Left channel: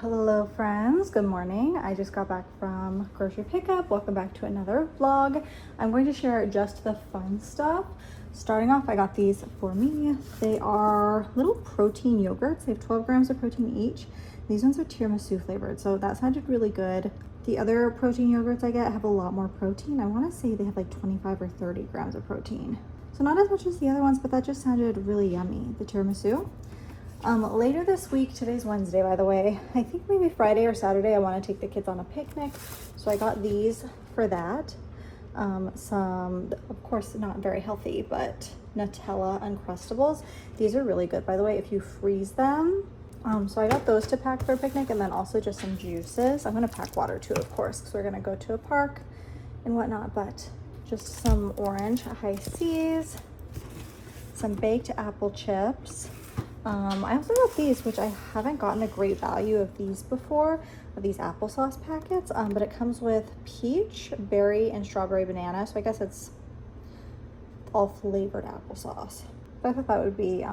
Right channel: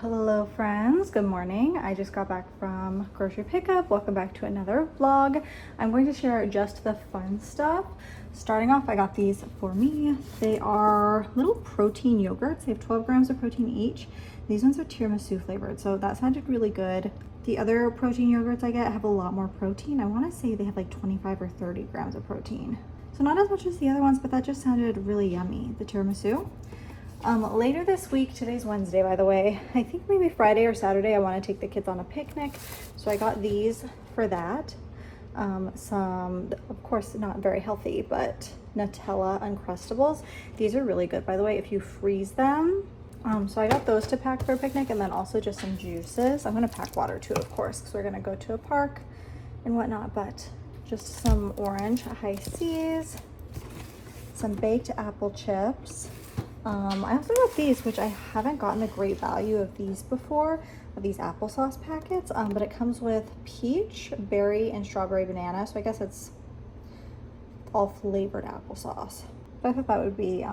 Hello friends, good morning. I just got back from grocery pickup. Welcome back to another vlog. I'm going to share just the fun stuff. Starting off, I got these for me. They are little protein yogurts. They have 12 grams of protein each. These ones are tiramisu flavored, so that sounded really good. The other protein yogurts I get have a lot more protein. I want to say they have like 25 or 30 grams of protein. So not as much as the other ones, but that just sounded really yummy, the tiramisu. Later this week, today's Wednesday by the way, I think maybe Friday or Saturday I want to take the kids on a picnic, so I got these for that. Some, of course not very healthy, but Nutella Uncrustables. These are really good by the way if you freeze them. So I got those to pack for a picnic, and then also just some juices. I'm going to pack water too, of course, because we're going to go to a park and whatnot, but just some orange high seas, some baked apple chips. I also got these, which I haven't gotten a great value of these before, of these applesauce packets, but it comes with peach, berry, and strawberry banana, so I guess it's all flavored applesauce. But I thought that would be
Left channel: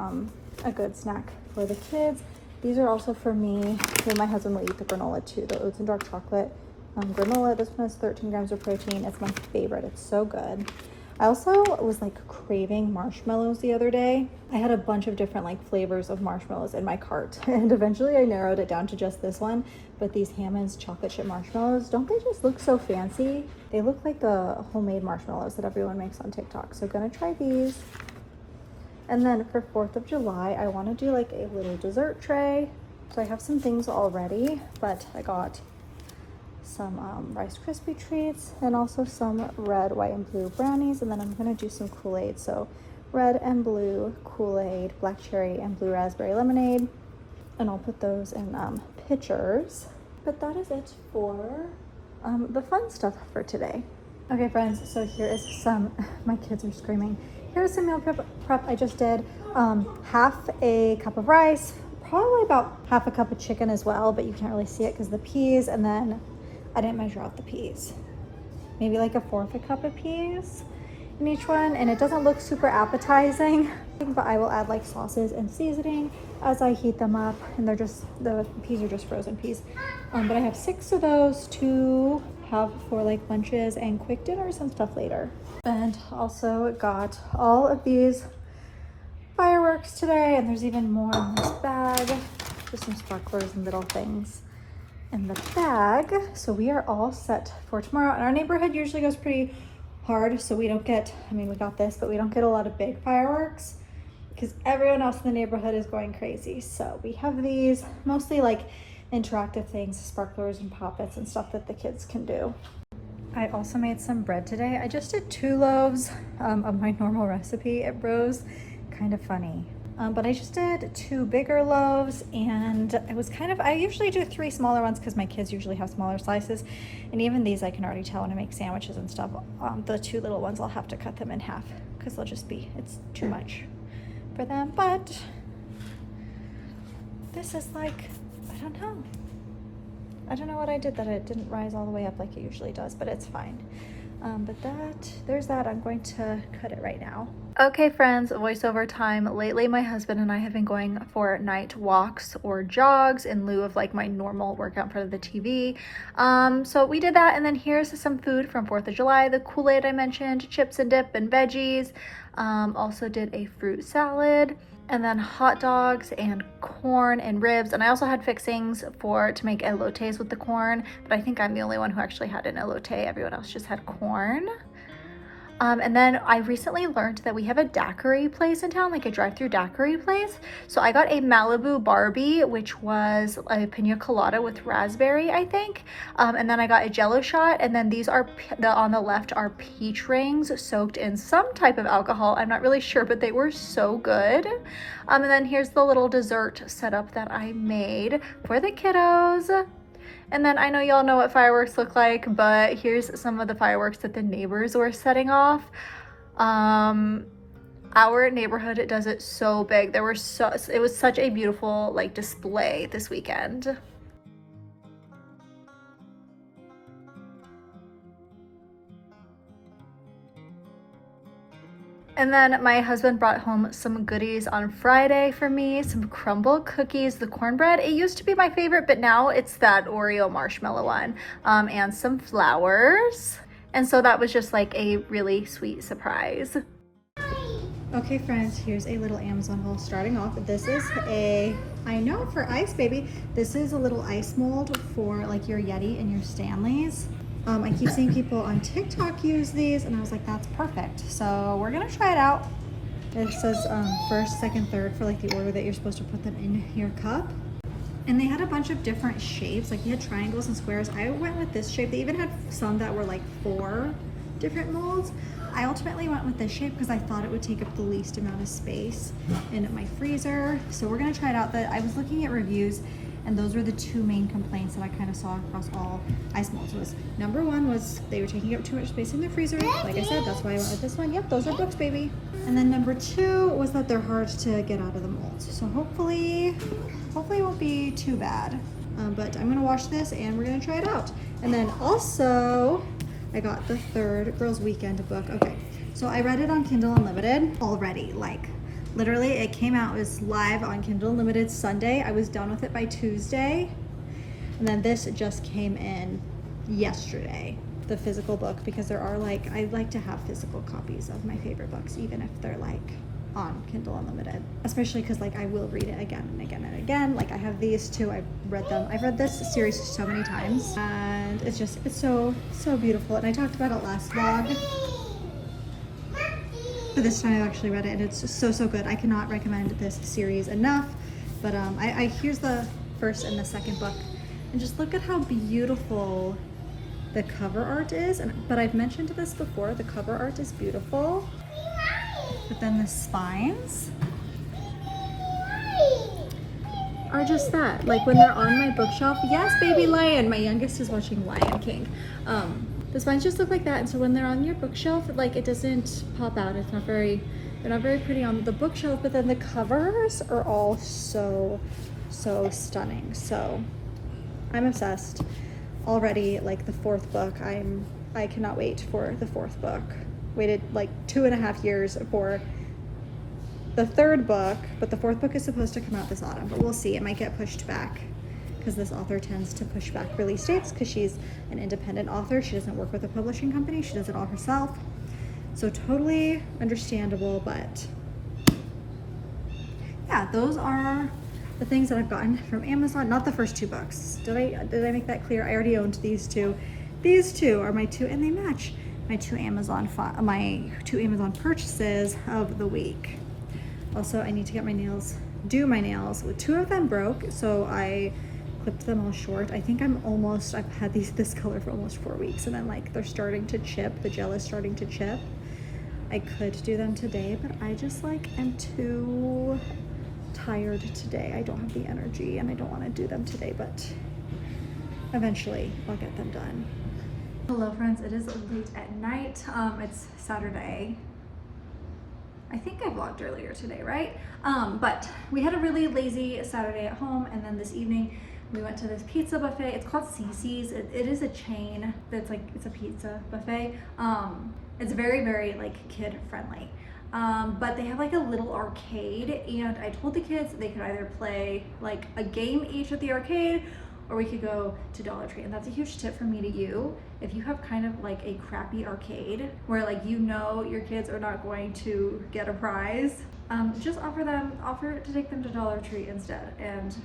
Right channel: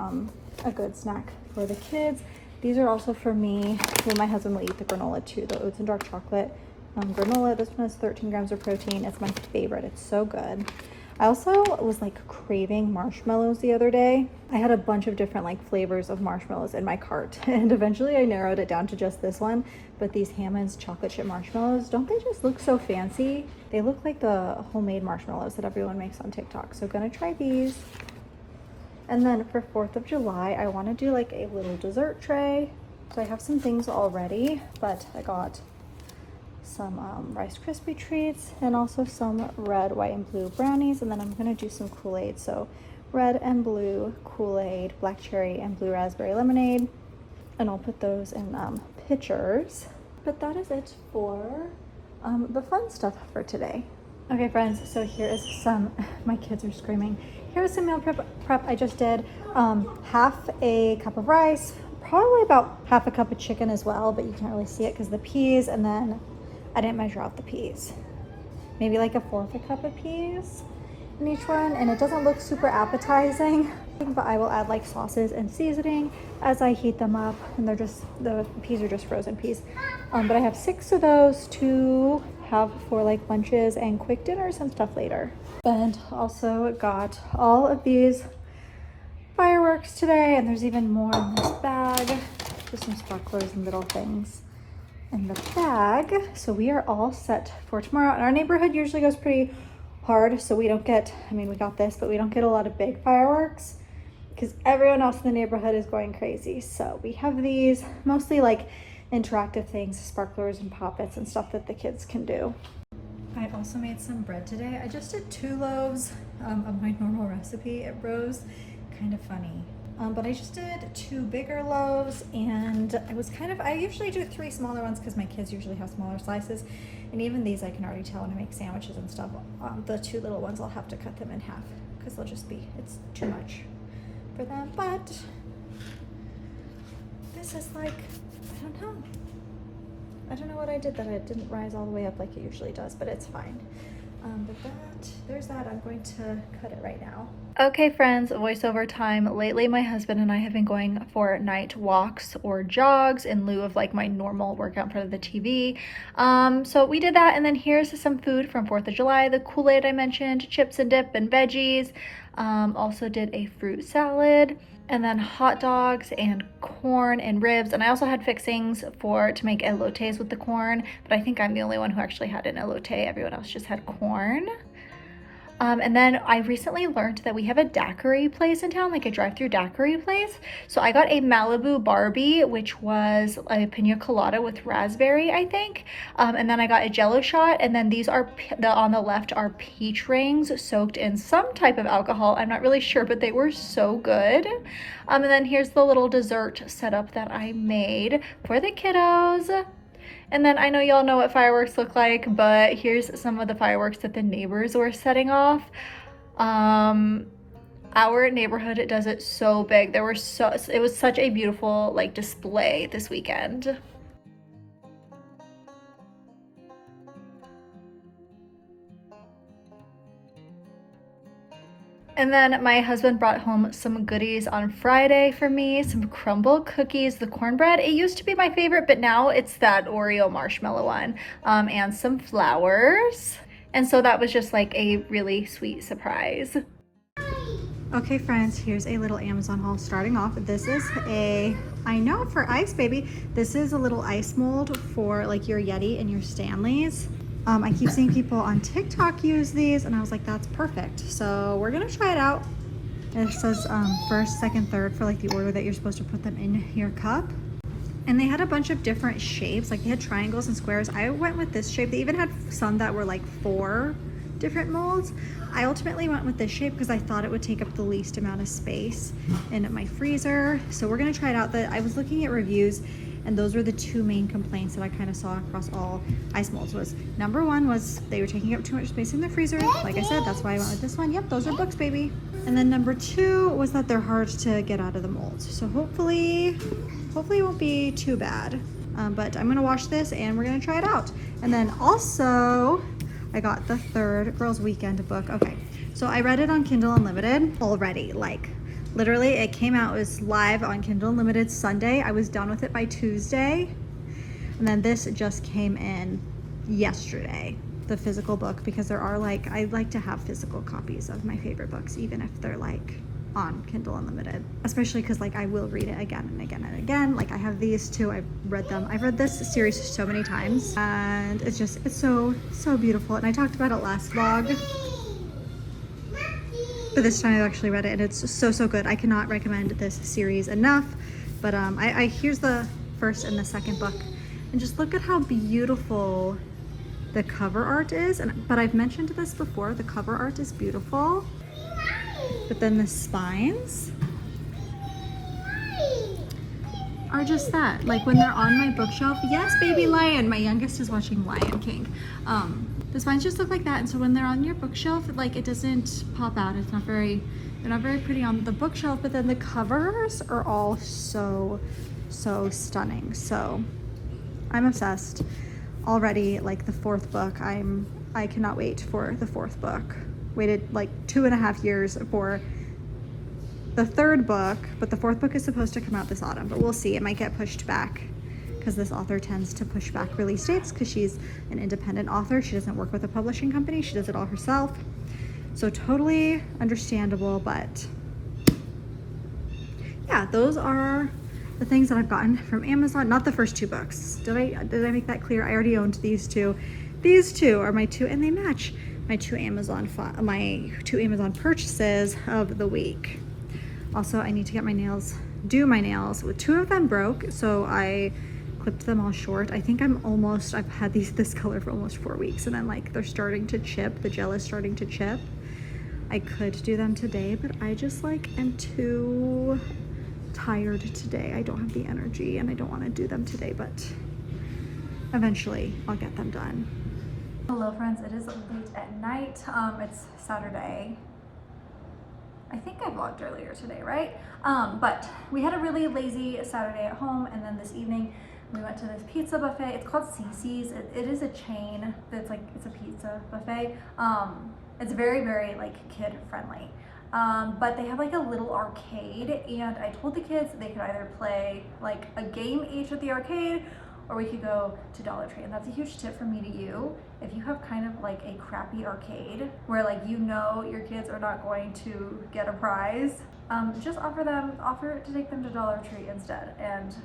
a good snack for the kids. These are also for me. Me and my husband will eat the granola too, the oats and dark chocolate granola. This one has 13 grams of protein. It's my favorite. It's so good. I also was like craving marshmallows the other day. I had a bunch of different like flavors of marshmallows in my cart, and eventually I narrowed it down to just this one. But these Hammond's chocolate chip marshmallows, don't they just look so fancy? They look like the homemade marshmallows that everyone makes on TikTok. So gonna try these. And then for 4th of July, I want to do like a little dessert tray. So I have some things already, but I got some Rice Krispie treats and also some red, white, and blue brownies, and then I'm going to do some Kool-Aid. So red and blue Kool-Aid, black cherry, and blue raspberry lemonade, and I'll put those in pitchers. But that is it for the fun stuff for today. Okay friends, so here is some, my kids are screaming. Here's some meal prep I just did. Half a cup of rice, probably about half a cup of chicken as well, but you can't really see it because the peas, and then I didn't measure out the peas. Maybe like a 1/4 cup of peas in each one, and it doesn't look super appetizing, but I will add like sauces and seasoning as I heat them up, and they're just, the peas are just frozen peas. But I have 6 of those to have for like lunches and quick dinners and stuff later. And also got all of these fireworks today, and there's even more in this bag. Just some sparklers and little things in the bag. So we are all set for tomorrow, and our neighborhood usually goes pretty hard, so we don't get, I mean we got this, but we don't get a lot of big fireworks because everyone else in the neighborhood is going crazy. So we have these mostly like interactive things, sparklers and poppets and stuff that the kids can do. I also made some bread today. I just did 2 loaves of my normal recipe. It rose kind of funny. But I just did 2 bigger loaves, and it was kind of, I usually do 3 smaller ones because my kids usually have smaller slices, and even these I can already tell when I make sandwiches and stuff. The 2 little ones I'll have to cut them in half because they'll just be, it's too much for them. But this is like, I don't know what I did that it didn't rise all the way up like it usually does, but it's fine. But there's that. I'm going to cut it right now. Okay friends, voiceover time. Lately my husband and I have been going for night walks or jogs in lieu of like my normal workout in front of the TV. So we did that, and then here's some food from 4th of July. The Kool-Aid I mentioned, chips and dip and veggies. Also did a fruit salad, and then hot dogs and corn and ribs, and I also had fixings to make elotes with the corn, but I think I'm the only one who actually had an elote. Everyone else just had corn. And then I recently learned that we have a daiquiri place in town, like a drive-through daiquiri place. So I got a Malibu Barbie, which was a pina colada with raspberry, I think. And then I got a Jello shot, and then these are, on the left are peach rings soaked in some type of alcohol. I'm not really sure, but they were so good. And then here's the little dessert setup that I made for the kiddos. And then I know y'all know what fireworks look like, but here's some of the fireworks that the neighbors were setting off. Our neighborhood does it so big. It was such a beautiful like display this weekend. And then my husband brought home some goodies on Friday for me, some crumble cookies, the cornbread. It used to be my favorite, but now it's that Oreo marshmallow one, and some flowers. And so that was just like a really sweet surprise. Okay friends, here's a little Amazon haul starting off. This is I know for ice baby, this is a little ice mold for like your Yeti and your Stanleys. I keep seeing people on TikTok use these and I was like, that's perfect. So we're gonna try it out. This is first, second, third for like the order that you're supposed to put them in your cup. And they had a bunch of different shapes, like they had triangles and squares. I went with this shape. They even had some that were like 4 different molds. I ultimately went with this shape because I thought it would take up the least amount of space in my freezer. So we're gonna try it out. I was looking at reviews and those were the 2 main complaints that I kind of saw across all ice molds. Was number 1 was they were taking up too much space in the freezer. Like I said, that's why I went with this one. Yep, those are books, baby. And then number 2 was that they're hard to get out of the molds. So hopefully it won't be too bad. But I'm gonna wash this and we're gonna try it out. And then also, I got the 3rd Girls Weekend book. Okay, so I read it on Kindle Unlimited already, like literally it came out, it was live on Kindle Unlimited Sunday. I was done with it by Tuesday. And then this just came in yesterday, the physical book, because there are like, I like to have physical copies of my favorite books, even if they're like on Kindle Unlimited, especially because like I will read it again and again and again. Like I have these 2, I've read them. I've read this series so many times and it's so beautiful. And I talked about it last vlog, but this time I've actually read it and it's so good. I cannot recommend this series enough. But here's the first and the second book and just look at how beautiful the cover art is. But I've mentioned this before, the cover art is beautiful. But then the spines are just that. Like when they're on my bookshelf, yes, baby lion. My youngest is watching Lion King. The spines just look like that. And so when they're on your bookshelf, like it doesn't pop out. It's not very, they're not very pretty on the bookshelf, but then the covers are all so stunning. So I'm obsessed already. Like the 4th book, I cannot wait for the 4th book. Waited like 2.5 years for the 3rd book, but the 4th book is supposed to come out this autumn, but we'll see. It might get pushed back because this author tends to push back release dates because she's an independent author. She doesn't work with a publishing company. She does it all herself. So totally understandable, but yeah, those are the things that I've gotten from Amazon. Not the first 2 books. Did I make that clear? I already owned these 2. These 2 are my 2 and they match my 2 Amazon purchases of the week. Also, I need to get my nails, do my nails. 2 of them broke, so I clipped them all short. I think I've had this color for almost 4 weeks and then like they're starting to chip, the gel is starting to chip. I could do them today, but I just like am too tired today. I don't have the energy and I don't want to do them today, but eventually I'll get them done. Hello friends, it is late at night. It's Saturday. I think I vlogged earlier today, right? But we had a really lazy Saturday at home, and then this evening we went to this pizza buffet. It's called Cece's. It is a chain that's like, it's a pizza buffet. It's very like kid friendly. But they have like a little arcade, and I told the kids they could either play like a game each at the arcade or we could go to Dollar Tree. And that's a huge tip from me to you. If you have kind of like a crappy arcade where like you know your kids are not going to get a prize, just offer to take them to Dollar Tree instead. And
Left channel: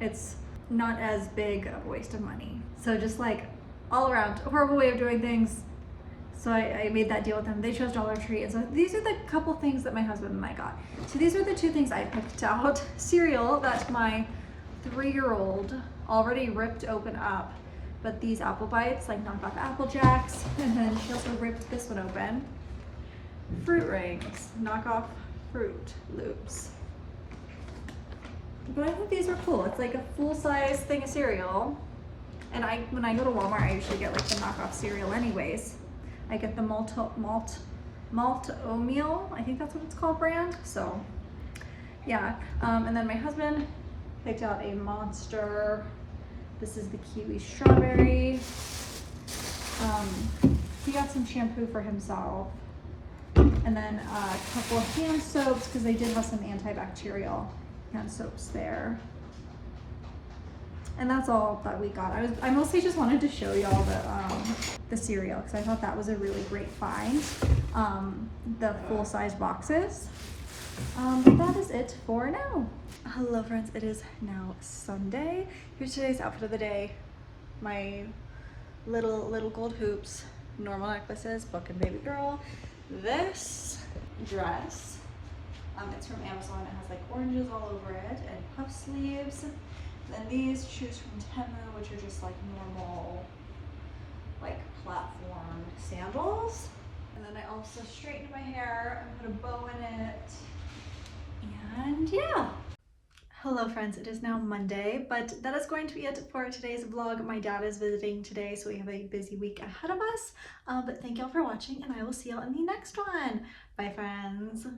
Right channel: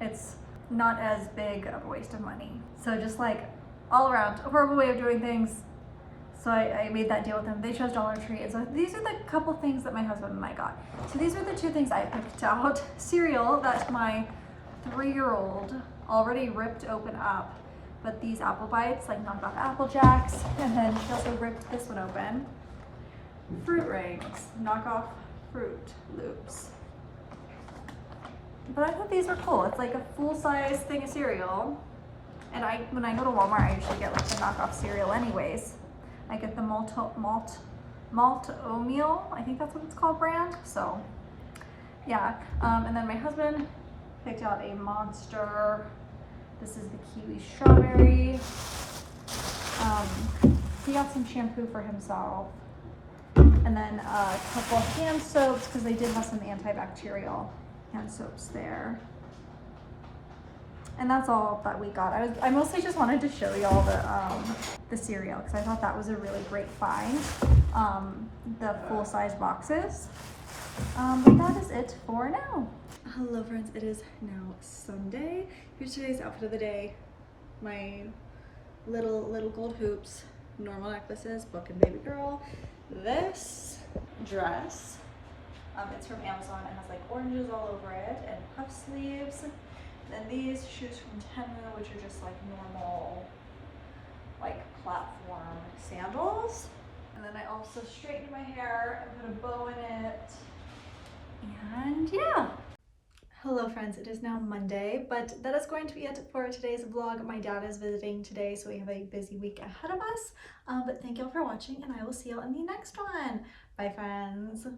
it's not as big of a waste of money. So just like all around a horrible way of doing things. So I made that deal with them. They chose Dollar Tree. And so these are the couple things that my husband and I got. So these are the 2 things I picked out. Cereal that my 3-year-old already ripped open up, but these Apple Bites, like knockoff Apple Jacks, and then she also ripped this one open. Fruit Rings, knockoff Fruit Loops. But I thought these were cool. It's like a full-size thing of cereal, and when I go to Walmart, I usually get like the knockoff cereal anyways. I get the malt oatmeal, I think that's what it's called, brand. So yeah, and then my husband picked out a Monster. This is the kiwi strawberry. He got some shampoo for himself. And then a couple of hand soaps because they did have some antibacterial hand soaps there. And that's all that we got. I mostly just wanted to show y'all the cereal because I thought that was a really great find. The full-size boxes. But that is it for now. Hello friends, it is now Sunday. Here's today's outfit of the day. My little gold hoops, normal necklaces, book and baby girl. This dress, it's from Amazon. It has like oranges all over it and puff sleeves. Then these shoes from Temu, which are just like normal, like platform sandals. And then I also straightened my hair and put a bow in it. And yeah. Hello friends, it is now Monday, but that is going to be it for today's vlog. My dad is visiting today, so we have a busy week ahead of us. But thank y'all for watching, and I will see y'all in the next one. Bye friends.